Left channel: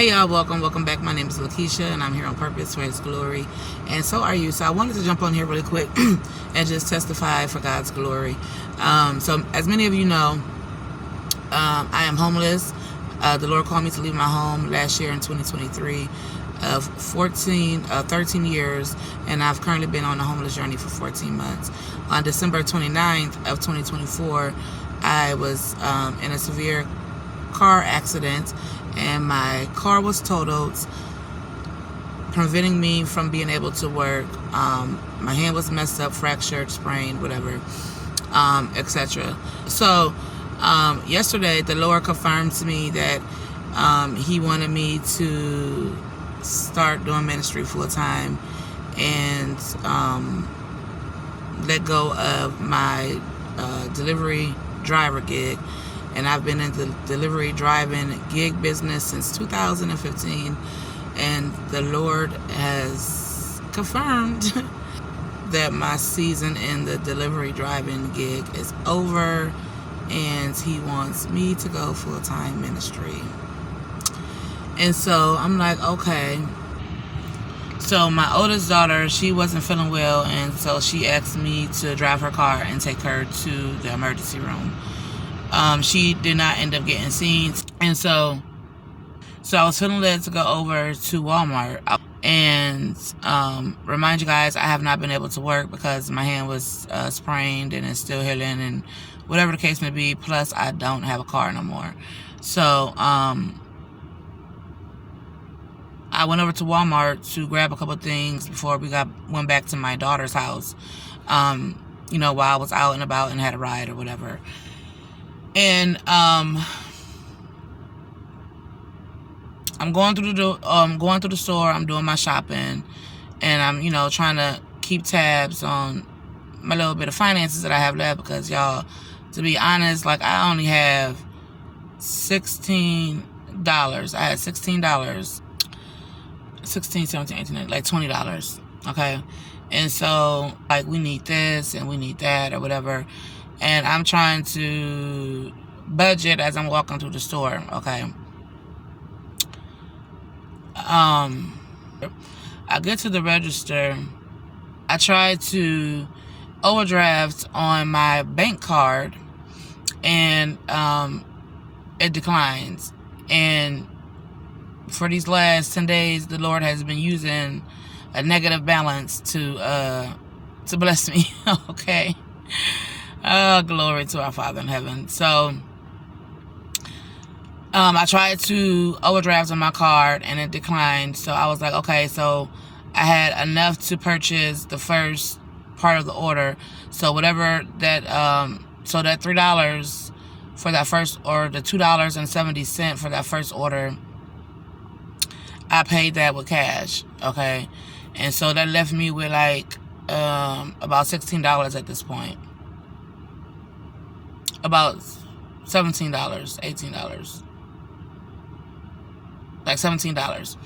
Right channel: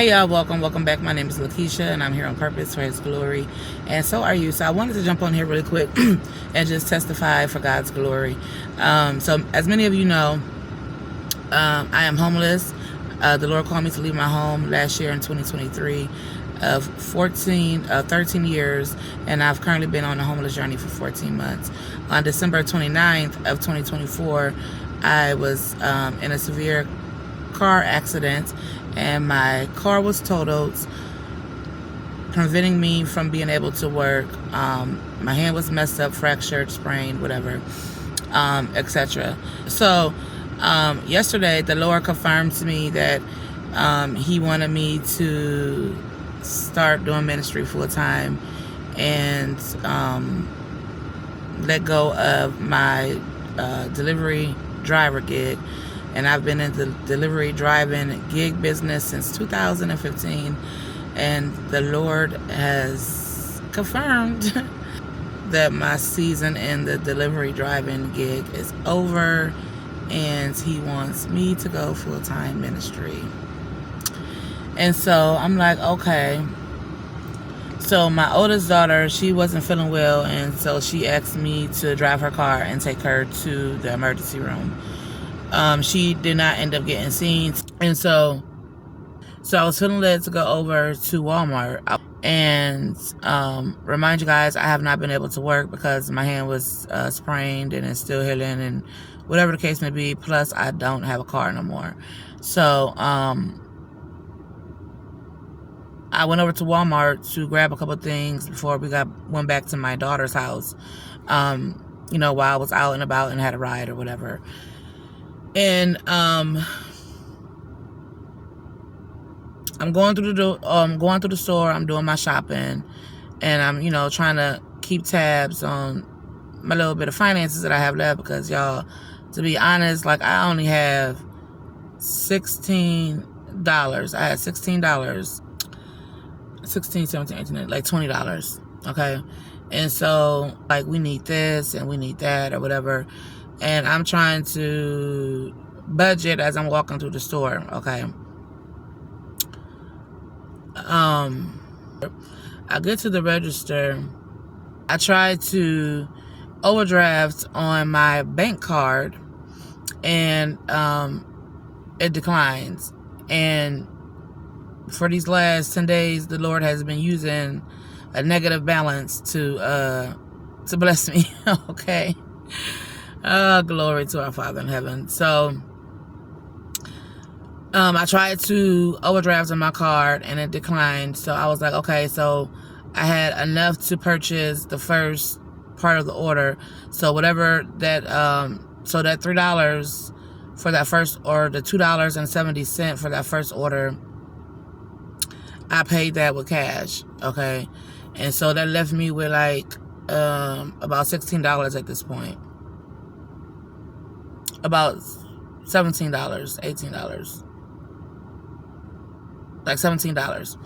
Hey y'all, welcome back. My name is Lakeisha and I'm here on purpose for His glory, and so are you. So I wanted to jump on here really quick and just testify for God's glory. So as many of you know, I am homeless. The Lord called me to leave my home last year in 2023 of 13 years, and I've currently been on a homeless journey for 14 months. On December 29th of 2024, I was in a severe car accident, and my car was totaled, preventing me from being able to work. My hand was messed up, fractured, sprained, whatever, etc. So yesterday the Lord confirmed to me that He wanted me to start doing ministry full time and let go of my delivery driver gig. And I've been in the delivery driving gig business since 2015, and the Lord has confirmed that my season in the delivery driving gig is over, and He wants me to go full-time ministry. And so I'm like, okay. So my oldest daughter, she wasn't feeling well, and so she asked me to drive her car and take her to the emergency room. She did not end up getting seen, and so I was feeling led to go over to Walmart and remind you guys, I have not been able to work because my hand was sprained and it's still healing and whatever the case may be, plus I don't have a car no more. So I went over to Walmart to grab a couple things before we went back to my daughter's house, while I was out and about and had a ride or whatever. And I'm going through the store. I'm doing my shopping, and I'm trying to keep tabs on my little bit of finances that I have left, because y'all, to be honest, like, I only have $16. I had $16, 16, 17, 18, like $20. Okay, and so, like, we need this and we need that or whatever. And I'm trying to budget as I'm walking through the store, okay? I get to the register. I try to overdraft on my bank card, and it declines. And for these last 10 days, the Lord has been using a negative balance to bless me, okay? Glory to our Father in heaven. So I tried to overdraft on my card and it declined. So I was like, okay, so I had enough to purchase the first part of the order. So whatever that so that $3 for that first, or the $2.70 for that first order, I paid that with cash, okay? And so that left me with like about $16 at this point. About $17, $18, like $17.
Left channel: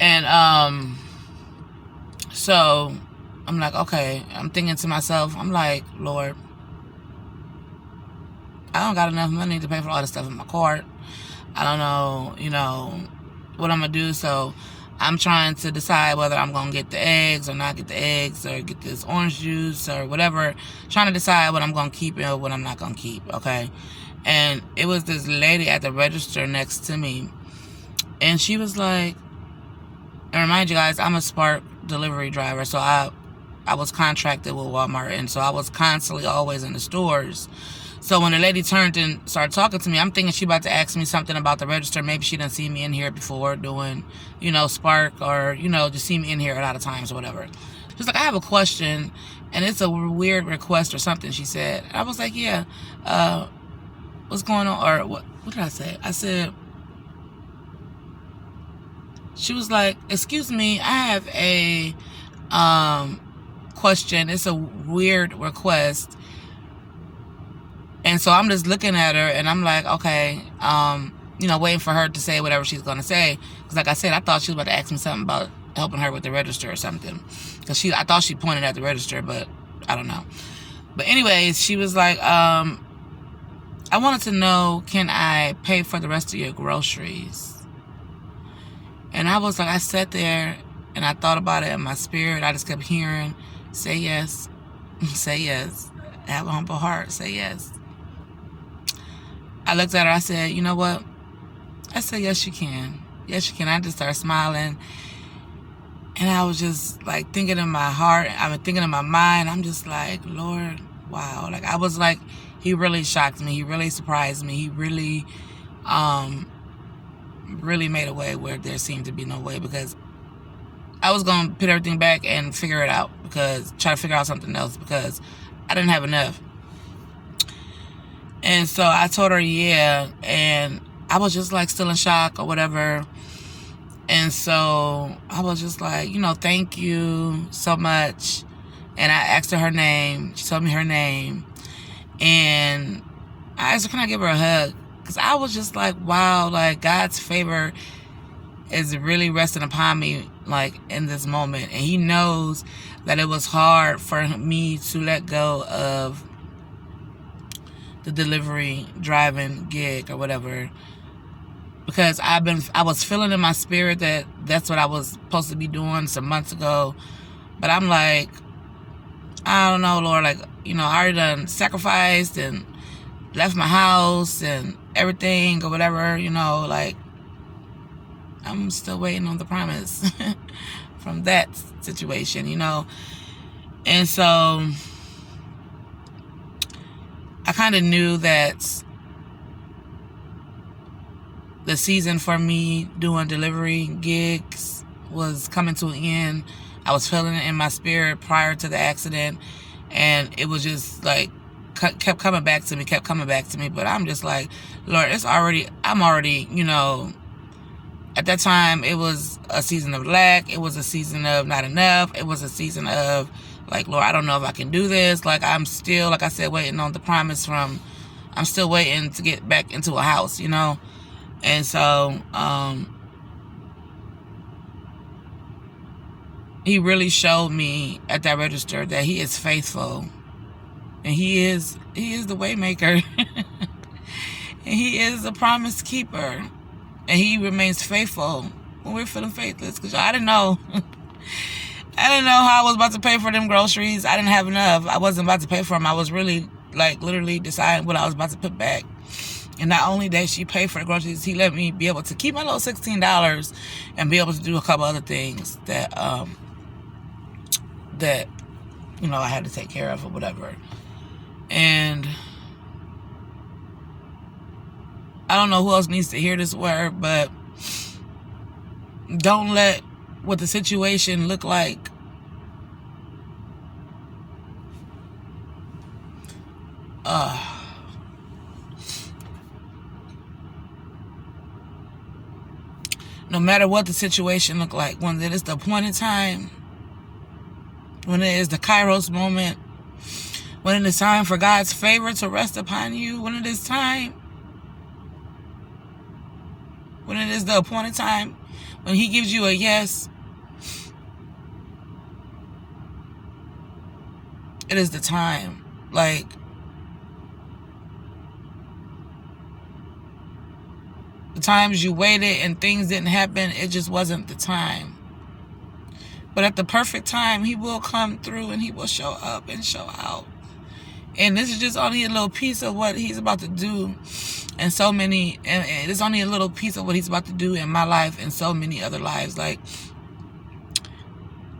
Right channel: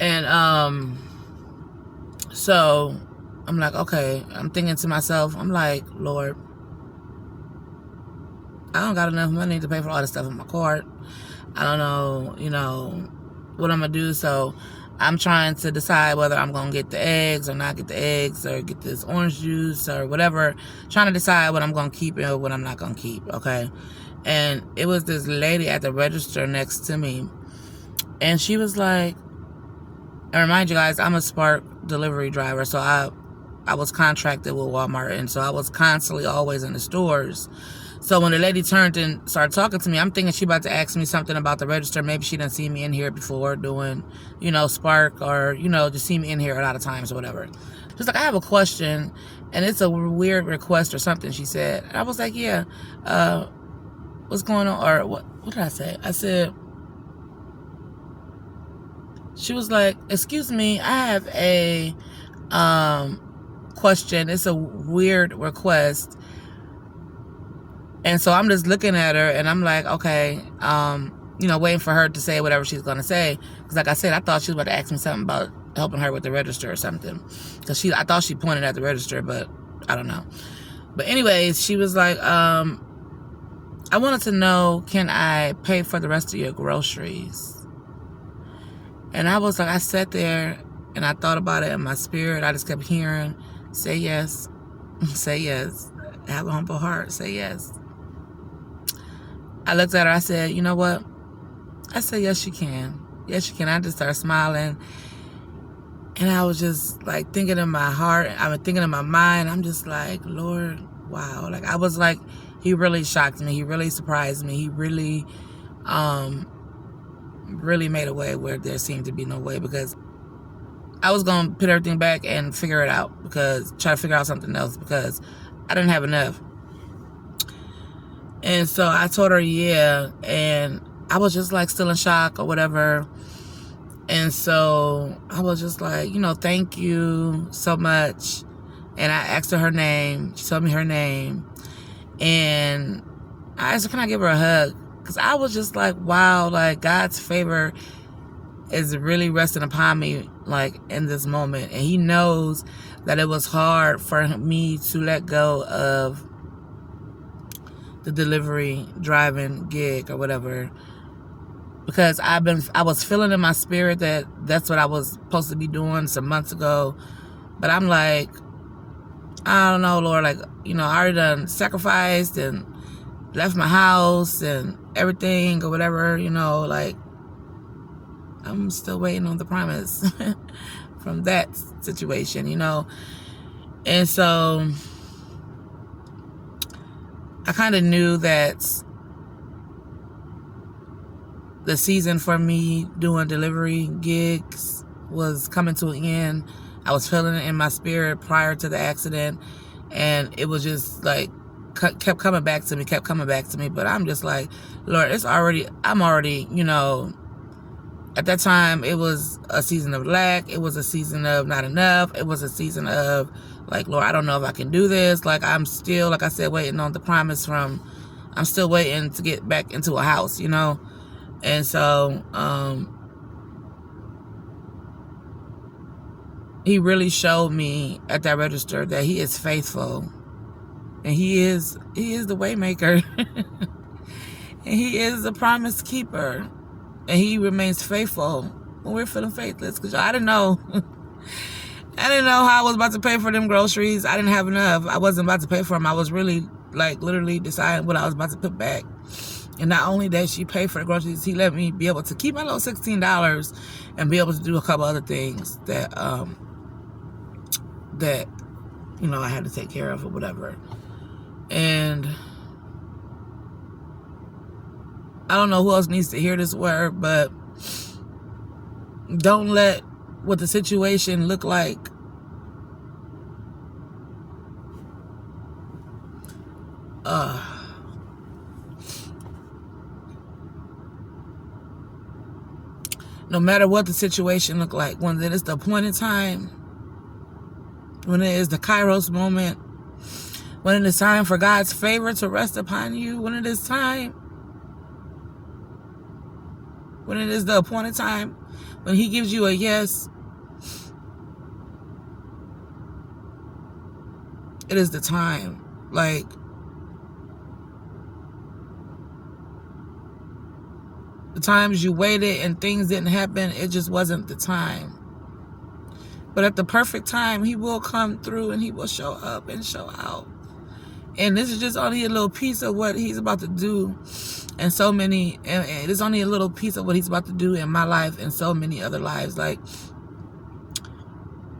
And so I'm like, okay, I'm thinking to myself, I'm like, Lord, I don't got enough money to pay for all this stuff in my cart. I don't know, what I'm gonna do. So I'm trying to decide whether I'm gonna get the eggs or not get the eggs, or get this orange juice or whatever. Trying to decide what I'm gonna keep and what I'm not gonna keep, okay? And it was this lady at the register next to me, and she was like, and remind you guys, I'm a Spark delivery driver, so I was contracted with Walmart, and so I was constantly always in the stores. So when the lady turned and started talking to me, I'm thinking she about to ask me something about the register. Maybe she didn't see me in here before doing, Spark, or, just see me in here a lot of times or whatever. She's like, I have a question, and it's a weird request or something, she said. And I was like, yeah, what's going on? Or what did I say? I said, she was like, excuse me, I have a question. It's a weird request. And so I'm just looking at her, and I'm like, okay, waiting for her to say whatever she's going to say. Because like I said, I thought she was about to ask me something about helping her with the register or something. Because I thought she pointed at the register, but I don't know. But anyways, she was like, I wanted to know, can I pay for the rest of your groceries? And I was like, I sat there and I thought about it in my spirit. I just kept hearing, say yes, say yes. Have a humble heart, say yes. I looked at her, I said, you know what? I said, yes, you can. Yes, you can. I just started smiling. And I was just like thinking in my heart, I was thinking in my mind, I'm just like, Lord, wow. Like, I was like, he really shocked me. He really surprised me. He really, really made a way where there seemed to be no way, because I was going to put everything back and figure it out, try to figure out something else, because I didn't have enough. And so I told her, yeah, and I was just like still in shock or whatever. And so I was just like, you know, thank you so much. And I asked her name. She told me her name. And I asked her, can I give her a hug? Because I was just like, wow, like God's favor is really resting upon me, like in this moment. And he knows that it was hard for me to let go of the delivery driving gig or whatever, because I was feeling in my spirit that that's what I was supposed to be doing some months ago. But I'm like, I don't know, Lord, like, you know, I already done sacrificed and left my house and everything or whatever, you know, like I'm still waiting on the promise from that situation, you know. And so I kind of knew that the season for me doing delivery gigs was coming to an end. I was feeling it in my spirit prior to the accident, and it was just like kept coming back to me. But I'm just like, Lord, I'm already, you know, at that time it was a season of lack. It was a season of not enough. It was a season of like, Lord, I don't know if I can do this. Like, I'm still, like I said, waiting on the promise I'm still waiting to get back into a house, you know. And so, he really showed me at that register that he is faithful, and he is the way maker, and he is the promise keeper, and he remains faithful when we're feeling faithless. Because I didn't know. I didn't know how I was about to pay for them groceries. I didn't have enough. I wasn't about to pay for them. I was really, like, literally deciding what I was about to put back. And not only that, she paid for the groceries, he let me be able to keep my little $16 and be able to do a couple other things that, that, you know, I had to take care of or whatever. And I don't know who else needs to hear this word, but don't let what the situation look like no matter what the situation look like, when it is the appointed time, when it is the Kairos moment, when it is time for God's favor to rest upon you, when it is time, when it is the appointed time, when he gives you a yes, it is the time. Like, the times you waited and things didn't happen, it just wasn't the time. But at the perfect time, he will come through and he will show up and show out. And this is just only a little piece of what he's about to do. And it's only a little piece of what he's about to do in my life and so many other lives. Like,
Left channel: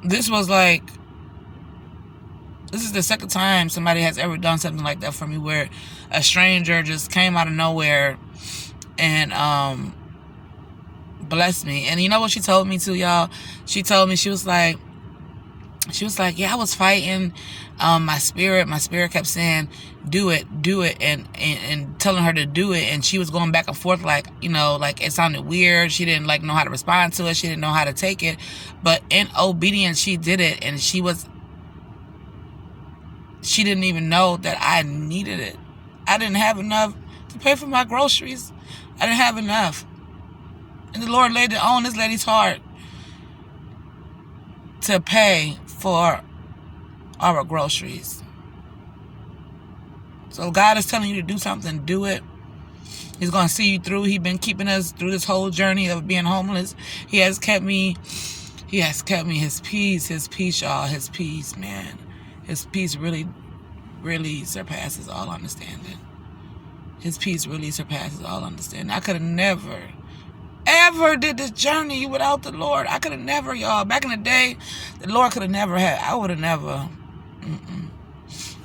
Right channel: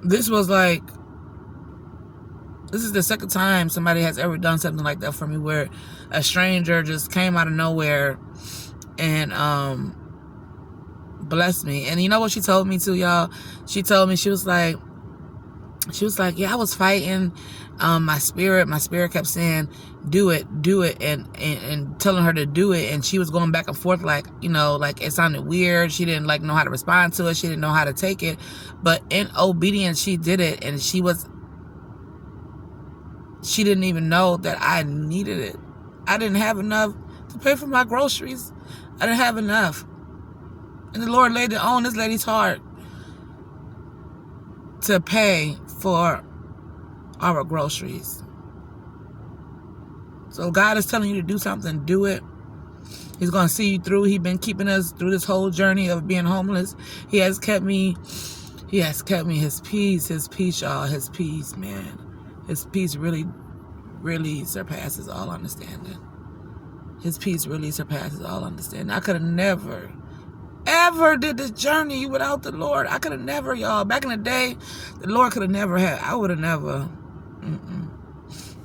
this is the second time somebody has ever done something like that for me, where a stranger just came out of nowhere and blessed me. And you know what she told me too, y'all? She told me, she was like, yeah, I was fighting my spirit kept saying, do it, and telling her to do it. And she was going back and forth, like, you know, like it sounded weird. She didn't like know how to respond to it. She didn't know how to take it. But in obedience, she did it. And she didn't even know that I needed it. I didn't have enough to pay for my groceries. I didn't have enough. And the Lord laid it on this lady's heart to pay for our groceries. So God is telling you to do something, do it. He's going to see you through. He's been keeping us through this whole journey of being homeless. He has kept me. He has kept me. His peace, y'all. His peace, man. His peace really, really surpasses all understanding. His peace really surpasses all understanding. I could have never, ever did this journey without the Lord. I could have never, y'all. Back in the day, the Lord could have never had. I would have never.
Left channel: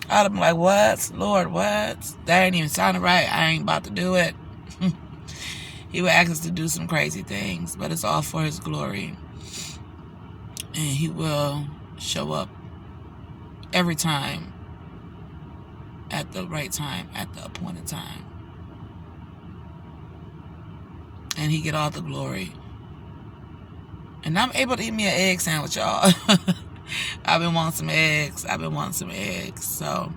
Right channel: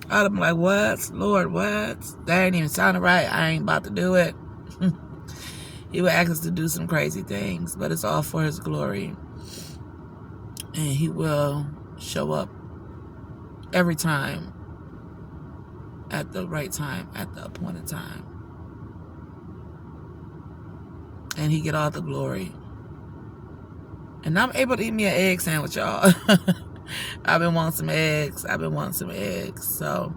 I'd have been like, what? Lord, what? That ain't even sounding right. I ain't about to do it. He would ask us to do some crazy things, but it's all for his glory. And he will show up every time at the right time, at the appointed time. And he get all the glory. And I'm able to eat me an egg sandwich, y'all. I've been wanting some eggs. So,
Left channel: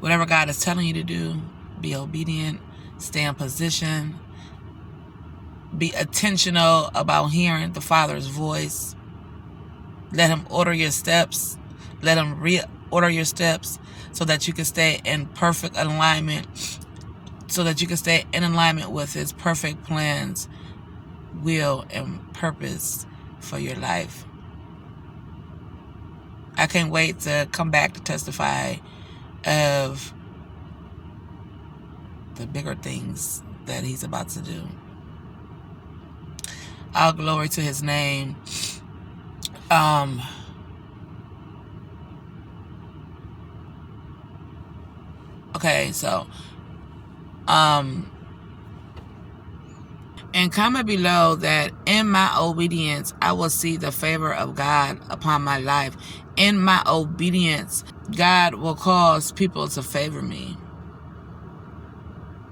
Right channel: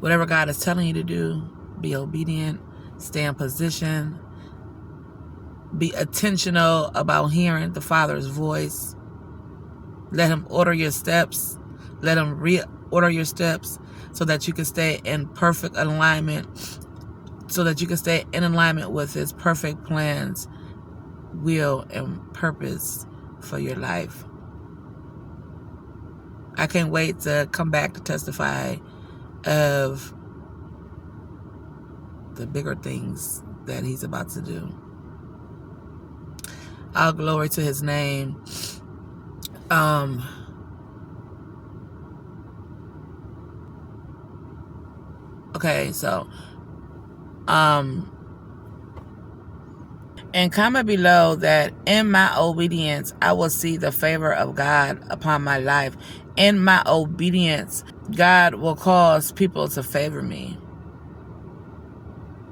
whatever God is telling you to do, be obedient, stay in position, be intentional about hearing the Father's voice. Let him order your steps. Let him reorder your steps so that you can stay in perfect alignment, so that you can stay in alignment with his perfect plans, will, and purpose for your life. I can't wait to come back to testify of the bigger things that he's about to do. All glory to his name. Okay, so and comment below that in my obedience, I will see the favor of God upon my life. In my obedience, God will cause people to favor me.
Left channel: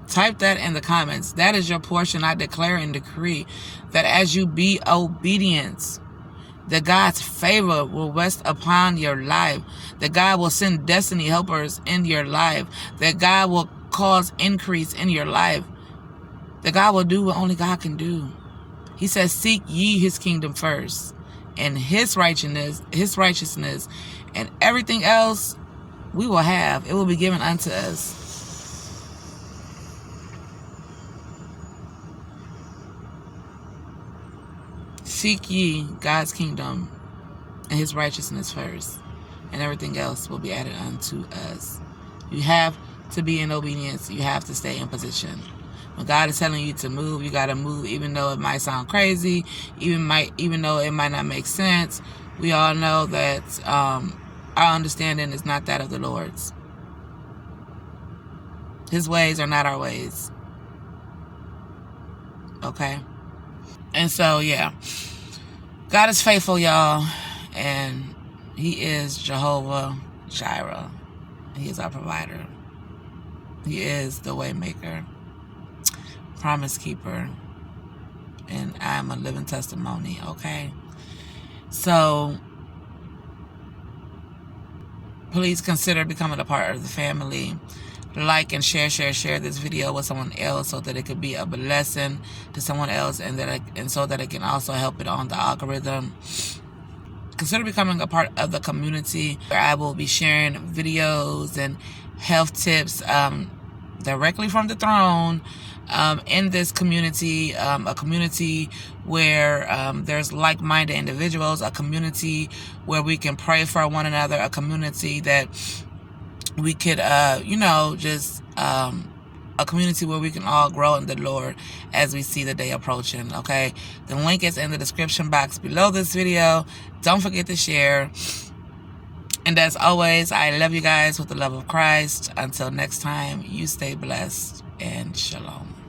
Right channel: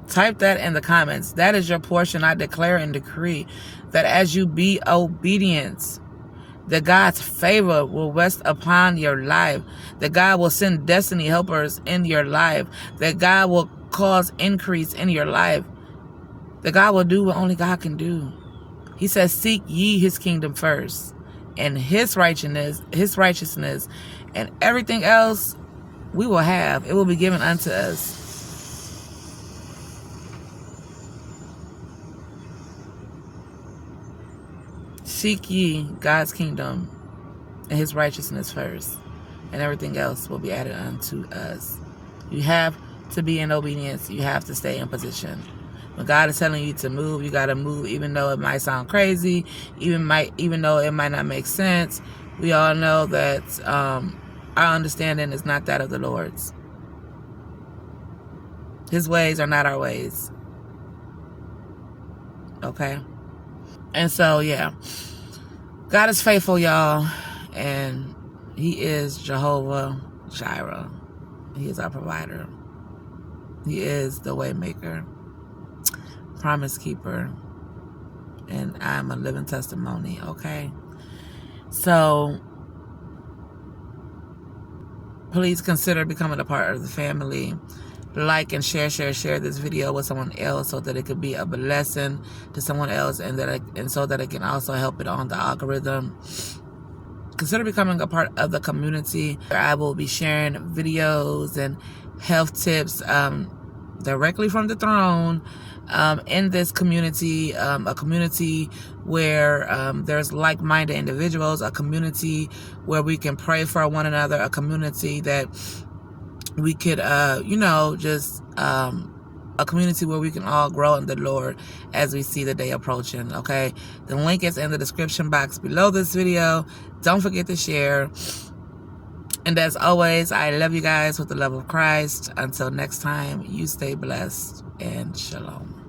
Type that in the comments. That is your portion. I declare and decree that as you be obedient, that God's favor will rest upon your life. That God will send destiny helpers in your life. That God will cause increase in your life. That God will do what only God can do. He says, seek ye his kingdom first, and his righteousness, and everything else we will have. It will be given unto us. Seek ye God's kingdom and his righteousness first, and everything else will be added unto us. You have to be in obedience. You have to stay in position. When God is telling you to move, you got to move, even though it might sound crazy, even though it might not make sense. We all know that our understanding is not that of the Lord's. His ways are not our ways. Okay? And so, yeah. God is faithful, y'all. And he is Jehovah Jireh. He is our provider. He is the way maker, promise keeper, and I'm a living testimony. Okay, so please consider becoming a part of the family. Like and share this video with someone else so that it could be a blessing to someone else, and so that it can also help it on the algorithm. Consider becoming a part of the community where I will be sharing videos and health tips directly from the throne in this community, a community where there's like-minded individuals, a community where we can pray for one another, a community that we could, a community where we can all grow in the Lord as we see the day approaching, okay? The link is in the description box below this video. Don't forget to share. And as always, I love you guys with the love of Christ. Until next time, you stay blessed and shalom.